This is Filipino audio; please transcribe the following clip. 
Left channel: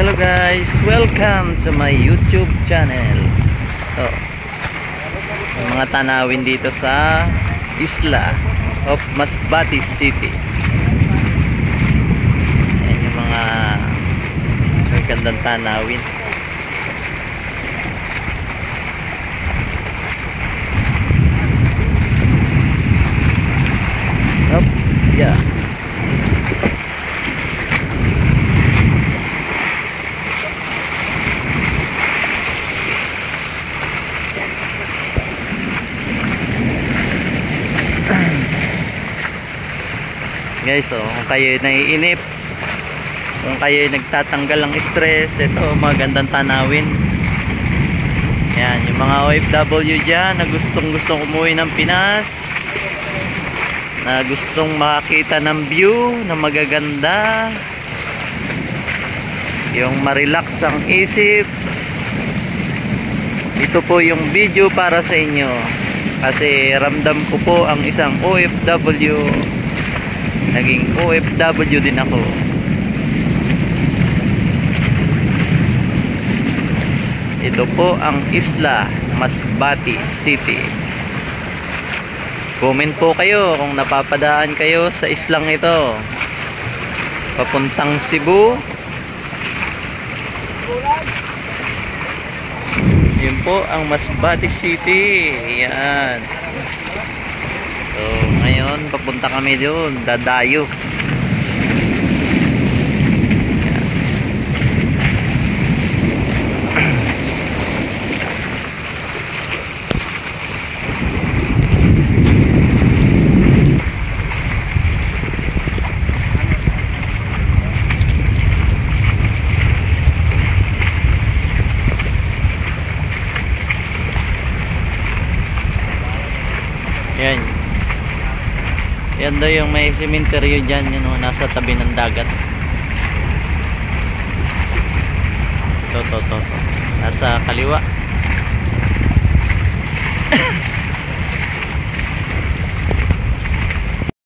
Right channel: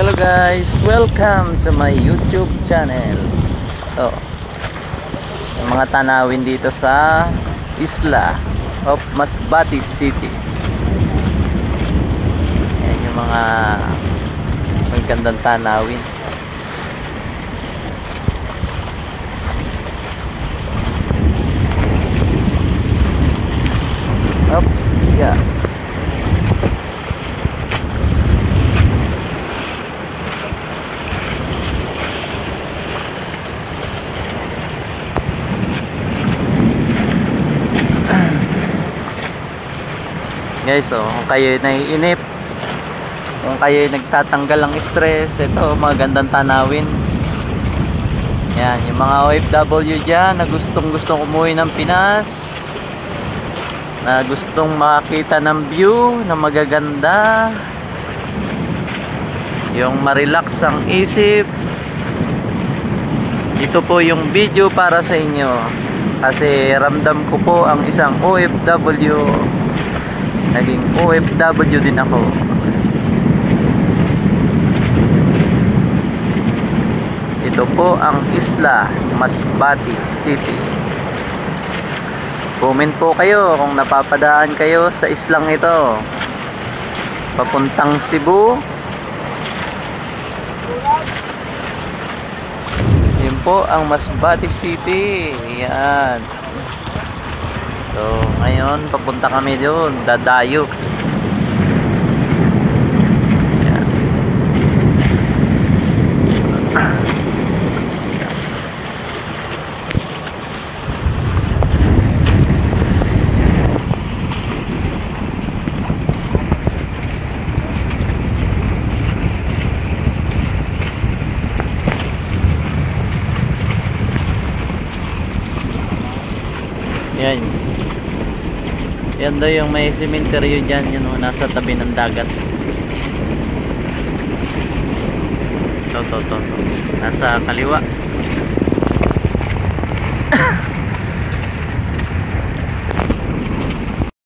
Hello guys, welcome to my YouTube channel. So, yung mga tanawin dito sa Isla of Masbate City. Yan yung mga magandang tanawin. Up, yeah. Guys, kung kayo naiinip, kung kayo nagtatanggal ng stress, ito magandang tanawin. Yan, yung mga OFW dyan na gustong umuwi ng Pinas, na gustong makakita ng view na magaganda, yung marelax ang isip, ito po yung video para sa inyo. Kasi ramdam ko po ang isang OFW, naging OFW din ako. Ito po ang Isla Masbate City. Comment po kayo kung napapadaan kayo sa islang ito papuntang Cebu. Yun po ang Masbate City. Yan. So ngayon papunta kami doon, dadayo. Yan. Yan daw yung may cemetery dyan, yun o, nasa tabi ng dagat. To. Nasa kaliwa.